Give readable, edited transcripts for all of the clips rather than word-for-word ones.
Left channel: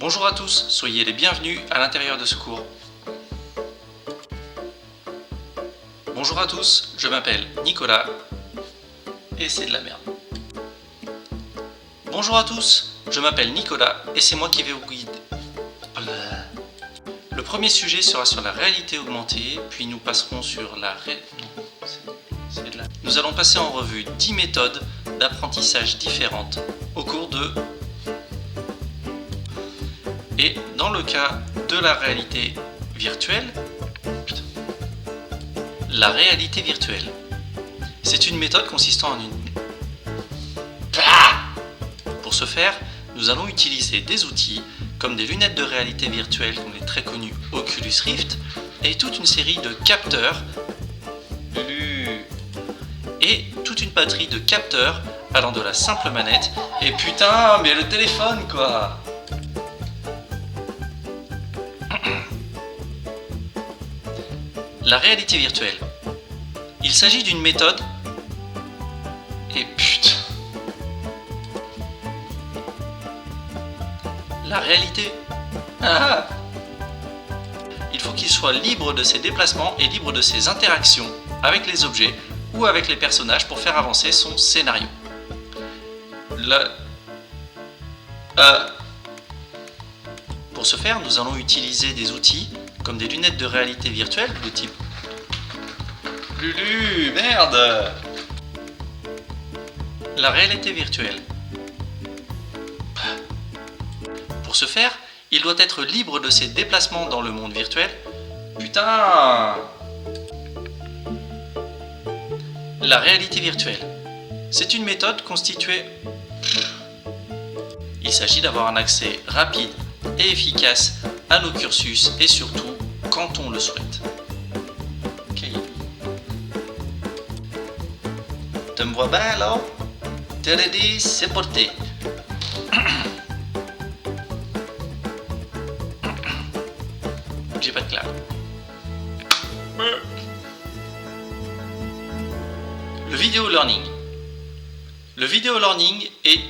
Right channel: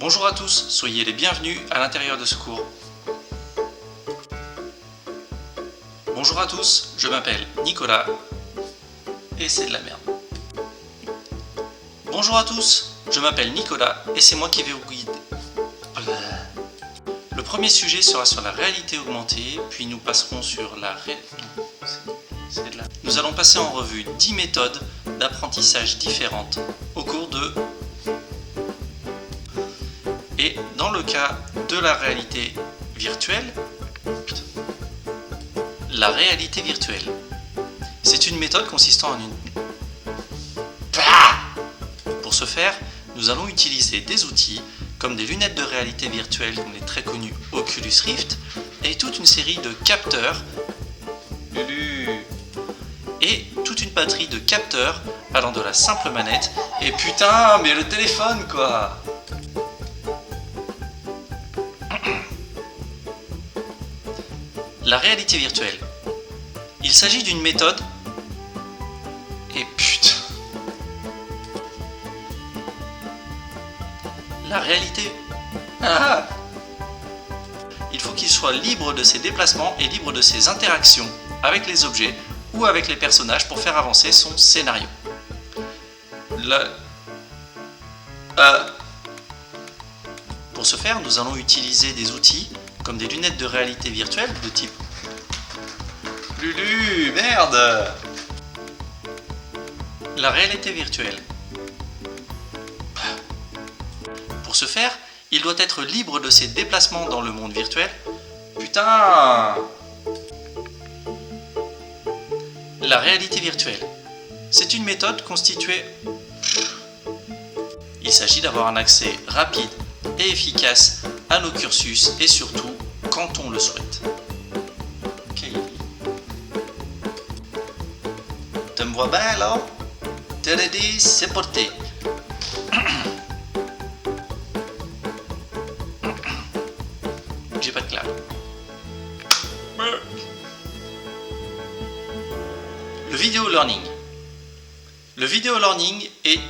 Bonjour à tous, soyez les bienvenus à l'intérieur de ce cours. Bonjour à tous, je m'appelle Nicolas et c'est de la merde. Bonjour à tous, je m'appelle Nicolas et c'est moi qui vais vous guider. Le premier sujet sera sur la réalité augmentée, puis nous passerons sur la Nous allons passer en revue 10 méthodes d'apprentissage différentes au cours de... Et dans le cas de la réalité virtuelle, c'est une méthode consistant en une... Pour ce faire, nous allons utiliser des outils comme des lunettes de réalité virtuelle comme les très connus Oculus Rift et toute une série de capteurs et toute une batterie de capteurs allant de la simple manette et putain mais le téléphone quoi. La réalité virtuelle. Il s'agit d'une méthode et putain. La réalité. Il faut qu'il soit libre de ses déplacements et libre de ses interactions avec les objets ou avec les personnages pour faire avancer son scénario. Pour ce faire, nous allons utiliser des outils comme des lunettes de réalité virtuelle de type Lulu, merde. La réalité virtuelle. Pour ce faire, il doit être libre de ses déplacements dans le monde virtuel. Putain. La réalité virtuelle. C'est une méthode constituée... Il s'agit d'avoir un accès rapide et efficace à nos cursus et surtout quand on le souhaite. Okay. Tu me vois bien là? T'es ready? C'est porté. J'ai pas de clave. Le vidéo learning. Le vidéo learning est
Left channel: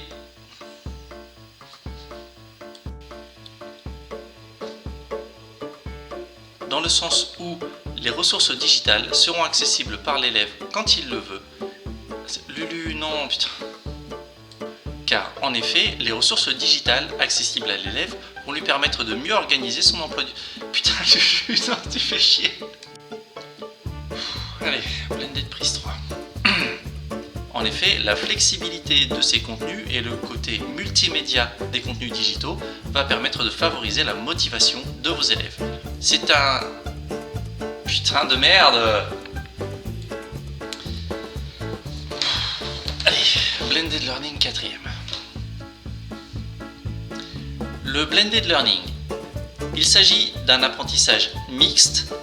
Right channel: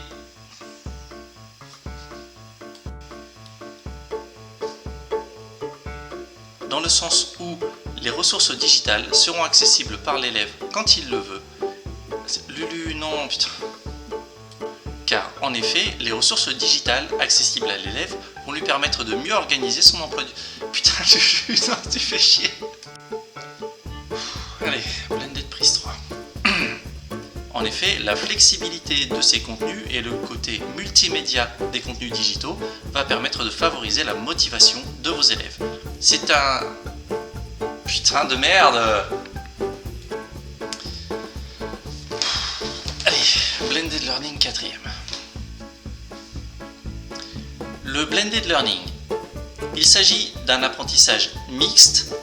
dans le sens où les ressources digitales seront accessibles par l'élève quand il le veut. Lulu, non, putain. Car, en effet, les ressources digitales accessibles à l'élève vont lui permettre de mieux organiser son emploi du... Putain, Lulu, non, tu fais chier. Allez, Blended Prise 3. En effet, la flexibilité de ces contenus et le côté multimédia des contenus digitaux va permettre de favoriser la motivation de vos élèves. C'est un... Putain de merde. Allez, Blended Learning 4e. Le Blended Learning. Il s'agit d'un apprentissage mixte.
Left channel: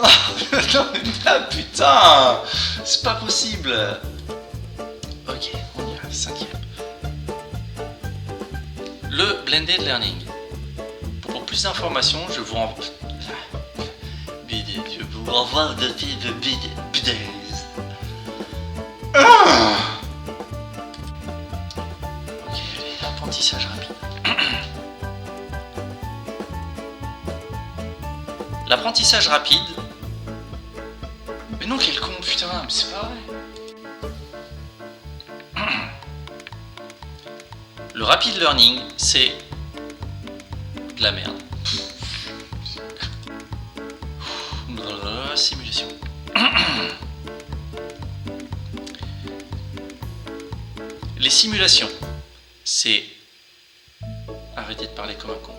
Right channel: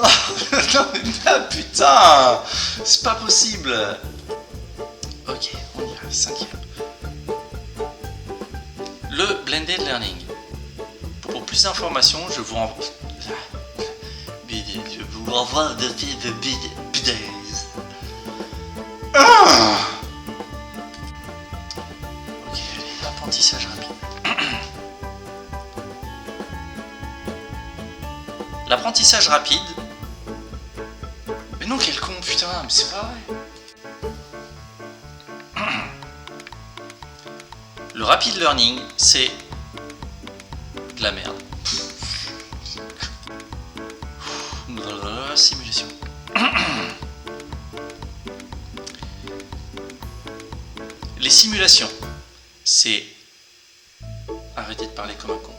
Oh, non mais putain, c'est pas possible. Ok, on y va, 5e. Le Blended Learning. Pour plus d'informations, je vous renvoie de bidets. Ok, allez, apprentissage rapide. L'apprentissage rapide. Mais non, quel con, putain, mais c'est pas vrai. Le rapid learning, c'est de la merde. Simulation. Les simulations, c'est... Arrêtez de parler comme un con.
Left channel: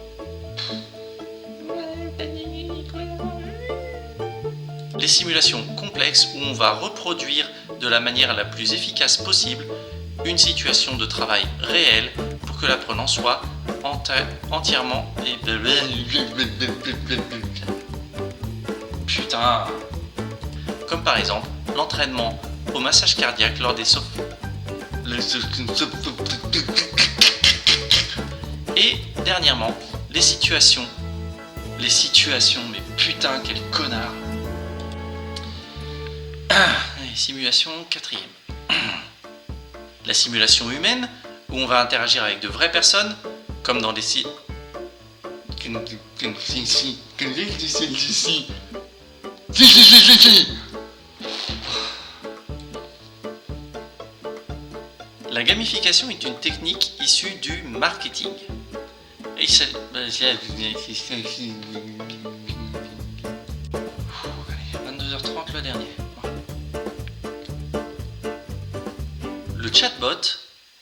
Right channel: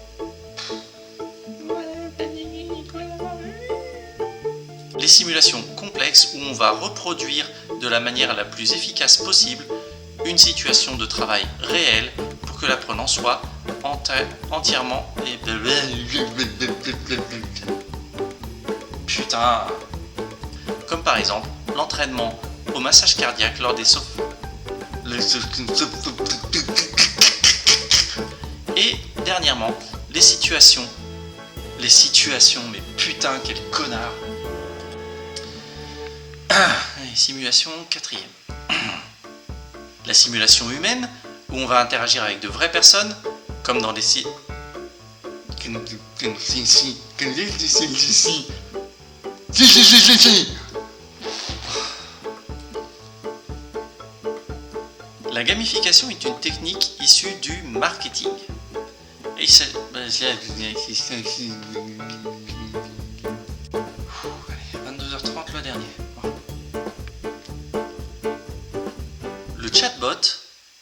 Les simulations complexes où on va reproduire de la manière la plus efficace possible une situation de travail réelle pour que l'apprenant soit entièrement... Putain. Comme par exemple l'entraînement au massage cardiaque lors des et dernièrement les situations, mais putain quel connard. Simulation 4e. La simulation humaine, où on va interagir avec de vraies personnes, comme dans les sites. La gamification est une technique issue du marketing. Et il s'agit- Allez, 22h30 le dernier. Le chatbot